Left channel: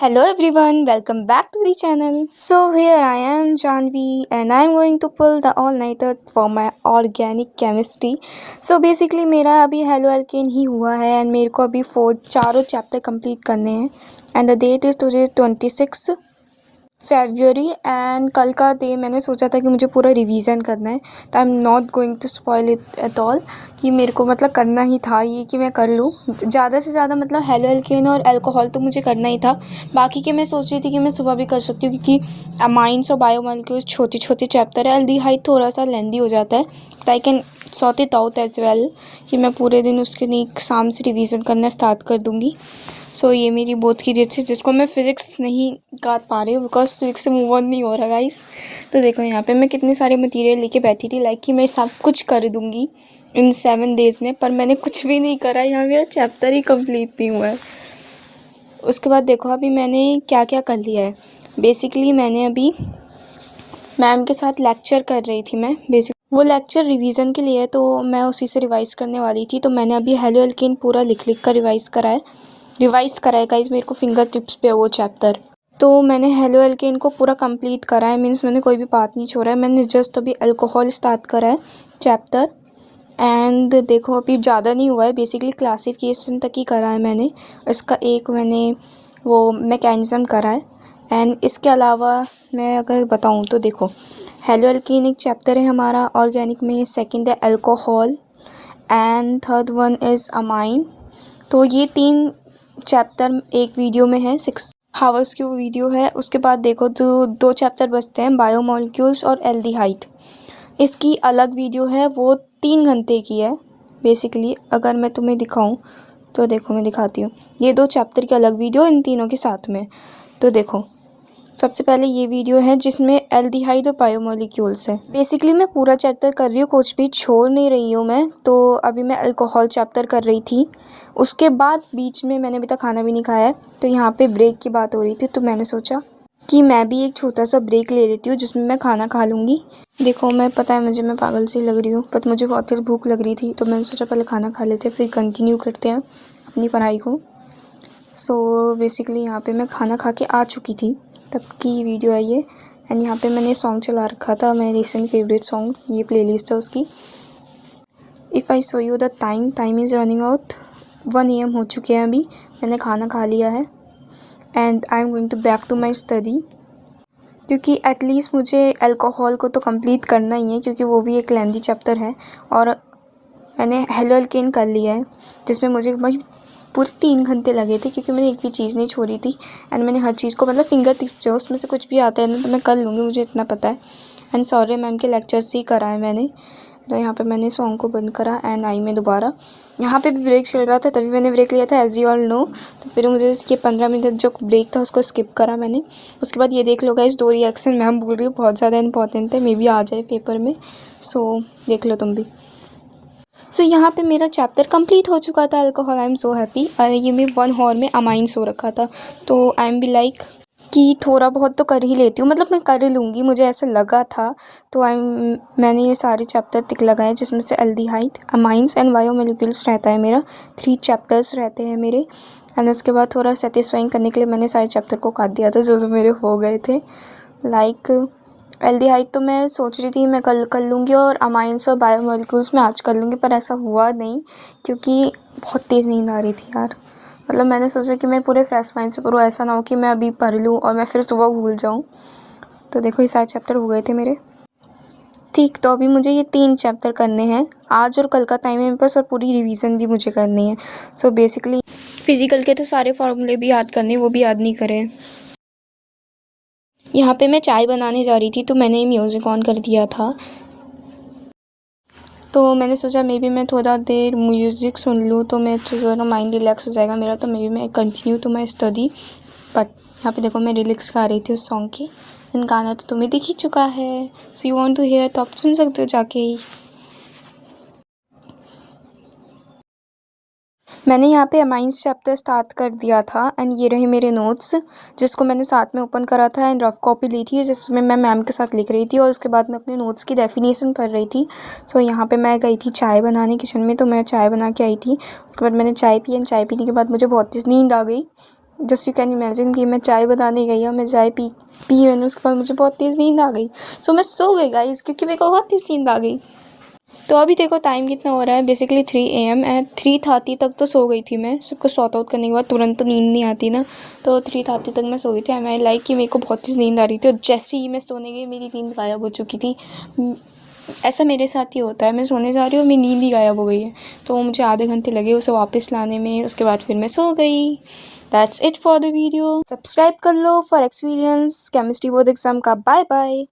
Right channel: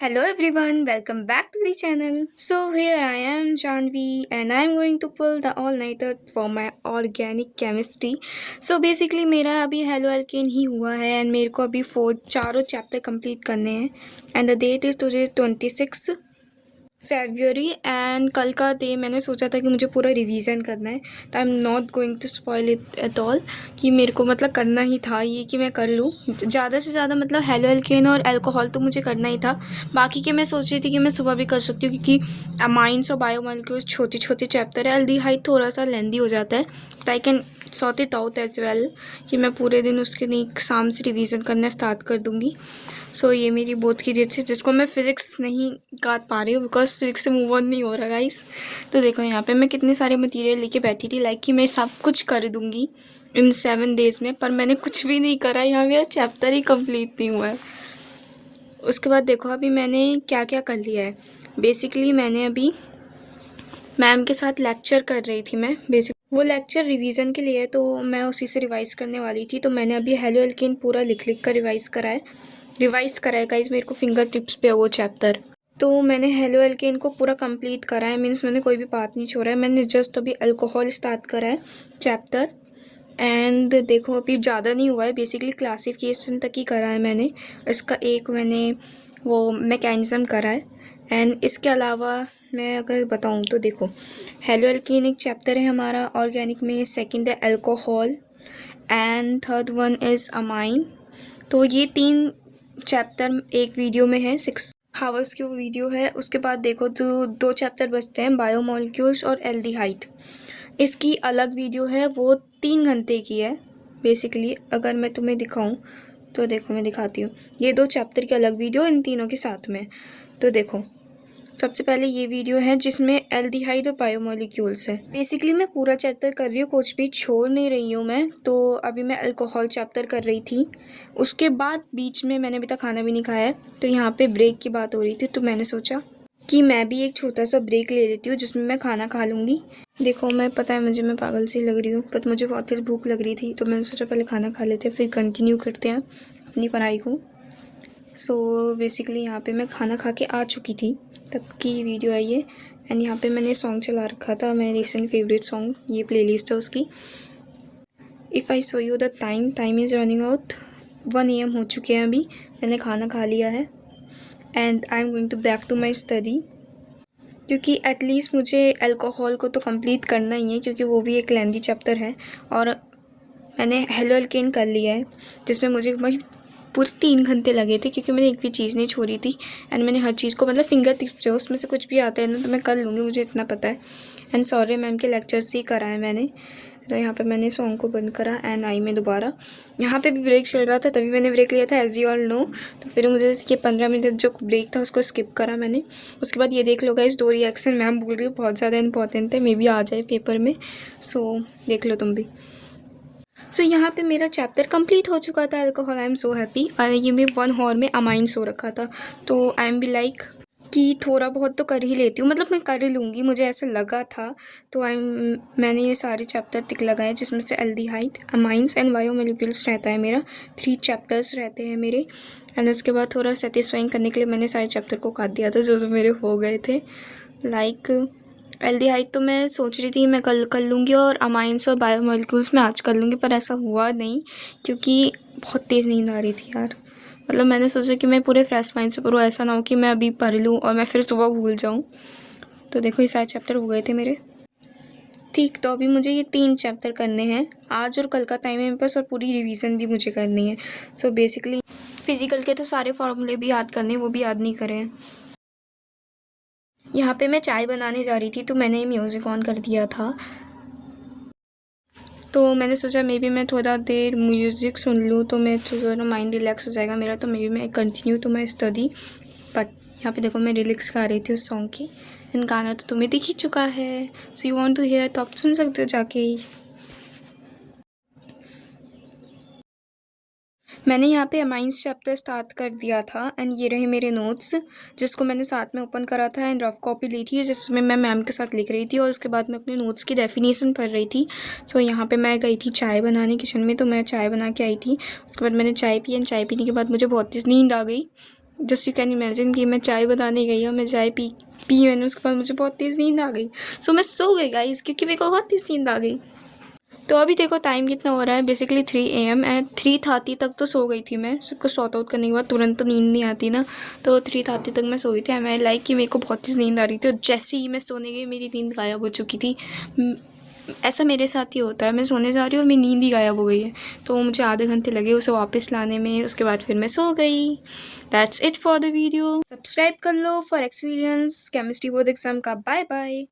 Hello everyone, welcome back to the channel. So here I am Janvi and I am going to pull the all-nighter for my organic chemistry. So basically मेरा अभी halo alkane ही हुआ है and मेरे को अभी चारों chapter complete करने हैं and the that is today 26 February and कल का डे मैंने सोचा था कि मुझे पूरा रिवीजन करना है तो I am not going to spoil it at all कि मेरे को मतलब करना ही था ये कि मैं कर लूँ ज़्यादा से ज़्यादा मतलब हेलो एल्केन और अल्कोहल तो मुझे करना ही था। बाकी के मैं सोच रही थी कि मैं सुबह भी कर सकती हूँ क्योंकि अमाइंस और बायोमॉलिक्यूल्स छोटे छोटे चैप्टर है। एल्डिहाइड थोड़ा सा लेंदी हो जाता है but I can sort it out as well कि मैं पूरे दिन उसके नहीं शाम से रिवीजन करना स्टार्ट कर दूँगी। सो ये मेरी बोर्ड की डेट थी जिसको मैं फ़िज़िक्स नहीं कर पा रही हूँ बिकॉज फिज़िक्स से मूव ऑन नहीं हो रहा गाइस। तो देखो यहाँ पे मैं कितने सारे मटेरियल लेके बैठी थी लाइक कि मैं सब कुछ कर दूँगी इन 7 डेज़ में, पर मैंने कुछ भी नहीं करा। यहाँ मेरा चैप्टर ही कंप्लीट नहीं हुआ है। उसके बाद देखो अभी मैंने क्या क्या कर लिया है। बेसिकली मैंने अभी मैम के साथ लेक्चर कर रही थी मैं। वो लेक्चर रिवीजन के लिए है तो मैं उसी से रिवाइज़ करने वाली थी। तो मैंने अभी हेलो एल्केन पूरा लिख कर रिवाइज़ करा है गाइस। मेरे को फिंगर टिप्स पे है वो चैप्टर। तो मैंने हेलो एल्केन को पूरा कंप्लीट करा है, मीन्स मैंने कोई भी पार्ट नहीं छोड़ा है। मैंने जस्ट अभी अल्कोहल स्टार्ट करा है चैप्टर एंड देखो अभी ज़्यादा नहीं हुआ है। बेसिकली क्लासिफिकेशन तक ही करा है मैंने। इसका एक मैंने वो मैकेनिज़्म करा है एंड इसके अलावा मैं अगर बताऊँ तो देखो हेलो एल्केन एक चैप्टर है हमारा ऑर्गेनिक में, सेकंड है alcohol and third one is amine. तो ये 3 चैप्टर एक वीडियो में है, 6 हावर्स की वो वीडियो है। उसके बाद देखो तो 2 चैप्टर बचते हैं, बायोमॉलिक्यूल्स और एल्डिहाइड। इसकी अलग वीडियो है, वो 3 घंटे की है। बेसिकली अगर मैं तुम्हें दिखाऊं तो देखो मैं दिखाती हूँ। ये 2 चैप्टर की अलग वीडियो इन तीनों के साथ में। तो देखो सबसे पहले ये वीडियो है जिसमें एल्डिहाइड और बायोमॉलिक्यूल्स है। बेसिकली मैं पूरा चैप्टर कर रही हूँ, कुछ भी छोड़ नहीं रही हूँ मैं। तो अभी मैं अल्कोहल चैप्टर कर रही थी। उसके बाद बीच में मैंने अभी तक खाना भी नहीं खाया है तो यहाँ पे ब्रेक की बात हो रही थी तो मैंने सोचा कि मैं भी एक छोटा सा ब्रेक ले लेती हूँ जिसमें मैं खाना खा लूँगी। देखो मैं पता है मुझे मैं पागल सी लग रही हूँ बट मुझे बहुत तेज़ भूख लग रही थी तो मैंने सोचा पहले खाना खा लेते हैं फिर कंटिन्यू करते हैं अपनी पढ़ाई को। सो बेसिकली यहाँ पे मैं खाना खा के आ चुकी थी तब की वीडियो है ये एंड यहाँ पे मैंने सॉन्ग चला रखा था, मेरा रिसेंट फेवरेट सॉन्ग, ये प्लेलिस्ट है उसकी। If I show you the time is running out, 1 AM हो चुके हैं अभी। मैंने खाना खा लिया है and I am going to back to my study क्योंकि एटलीस्ट मुझे अल्कोहल को तो कंप्लीट करना ही है क्योंकि वो भी एक लेंदी चैप्टर है। और मैंने हेलो एल्केन कर लिया है जिसमें मुझे पूरे 3 घंटे लगे थे क्योंकि मैंने एक भी चीज़ नहीं छोड़ी थी एंड मैंने हर चीज़ को मतलब फिंगर टिप्स जो उसमें से कुछ भी आता है ना तो मैं कर लूँगी, मुझे इतना पता है। एंड सॉरी मैम के लेक्चर से ही करा है मैंने। तो यहाँ पे मैंने सॉन्ग को बंद करा एंड आई में दोबारा। यहाँ पे भी ब्रेक चल रहा था तभी मैंने ब्रेक लिया था एज यू ऑल नो। तो फिर मुझे ये 15 मिनट जो ब्रेक था उसको स्किप करा मैंने। उसके बाद ये देख लो गाइस, 2 रिएक्शन मैम बोल रही हूँ बहुत ज़्यादा इंपॉर्टेंट है, मे बी आ जाए पेपर में। सो देख लो तुम भी। सो यहाँ पे मेरा चैप्टर कंप्लीट हो चुका था alcohol. I am so happy. ये मैं 1 हॉर में अमाइंस हो रखा था तो आई एम बी लाइक कि थोड़ा बहुत तो कर ही लेती हूँ, मतलब मैं कर लूँगी, मुझे ऐसा लगा था। तो मैंने ये सारे चैप्टर टिक लगाए जिसमें से एल्डिहाइड, अमाइंस एंड बायोमॉलिक्यूल्स रहता है मेरा। 3 चैप्टर्स रहते हैं मेरे एंड उसके बाद थोड़ा सेटिस्फाइंग करने के लिए मैंने सारे चैप्टर को काट दिया था जो मेरे हो गए थे। लाइक एल्डिहाइड तो मैं सोच रही थी मैं कल कर लूँगी और अमाइंस और बायोमॉलिक्यूल्स में आज कर लूँगी, पर ऐसा हुआ नहीं क्योंकि बहुत तेज़ नींद आ रही थी यार। मतलब मैंने सोचा कि मैं पूरे फ्रेश माइंड से पढूँ, ऐसा ना हो कि मैं अभी पढ़ लूँ और मैं फिर सुबह भूल जाऊँ। तो देखो ये सारे चैप्टर हो गए थे मेरे। ठीक, तो अभी मुझे ये 3 चैप्टर करने हैं आज और कल का टाइम है मेरे पास और पूरी रिवीजन भी मुझे करनी है। सो बेसिकली फिज़िकल के तो सारे फार्मूले भी याद करने, वो भी याद नहीं करे। यहाँ पे मैं चाय बनाने जा रही थी तो मैंने म्यूज़िक ऑन कर दिया था तो मैंने सोचा मे बी मैं थोड़ा देर म्यूज़िक सुन लूँ तो मैं थोड़ा माइंड रिलैक्स हो जाएगा मेरा, तो मे बी मैं continue to my study. But यहाँ पे देखो मैं रिलैक्स गा रही थी उस सॉन्ग की एंड गाना तो तुम्हें दिख ही चुका है। So you want to hear तो आप सुन सकते हो जाके ही। मैंने यहाँ पे अमाइंस चैप्टर स्टार्ट कर दिया था एंड ये रहे मेरे नोट्स जिसको मैंने साथ में ओपन करा था एंड रफ कॉपी ली थी जिसमें मैं मैम के साथ लिख रही थी और उसके बाद मैं अपने नोट्स की डेफिनेशन पढ़ रही थी। सो यहाँ पे मैं गई थी चाय बनाने किचन में, तो मैं चाय बना के आई थी। उसके बाद मैंने चाय पी एंड चाय पीने के बाद मुझे बहुत तेज़ नींद आ गई जस्ट यू कैन इमेजिन कि मैं चाय बनाने गई और मैं चाय पी पी मैंने, उसके बाद मुझे बहुत तेज़ नींद आ गई। सो मैं सो गई गाइस, क्योंकि मेरे को बहुत तेज़ नींद आ गई। तो अभी देखो टाइम कितना हो रहा है, बेसिकली 3 AM एंड 3:30 तक तो सो गई थी मैं। सबको सॉर्ट आउट करने के बाद तुरंत तो नींद नहीं आती ना, तो 3:30 तक मैं सो गई थी। मैं लाइक कि मेरे को बहुत तेज़ नींद आ रही थी और जैसे ही मैं सोने गई मेरी नींद गायब हो चुकी थी। ऐसा मेरे साथ ही होता है, मैं सोने जा रही हूँ, मेरी नींद ही गायब हो गई है। तो मुझे आधे घंटे लगे उसे वापस लाने में, उसके बाद फिर मैं सो गई। That's it for the video. Subscribe कर लो for experience chemistry board exam का। Bye bye.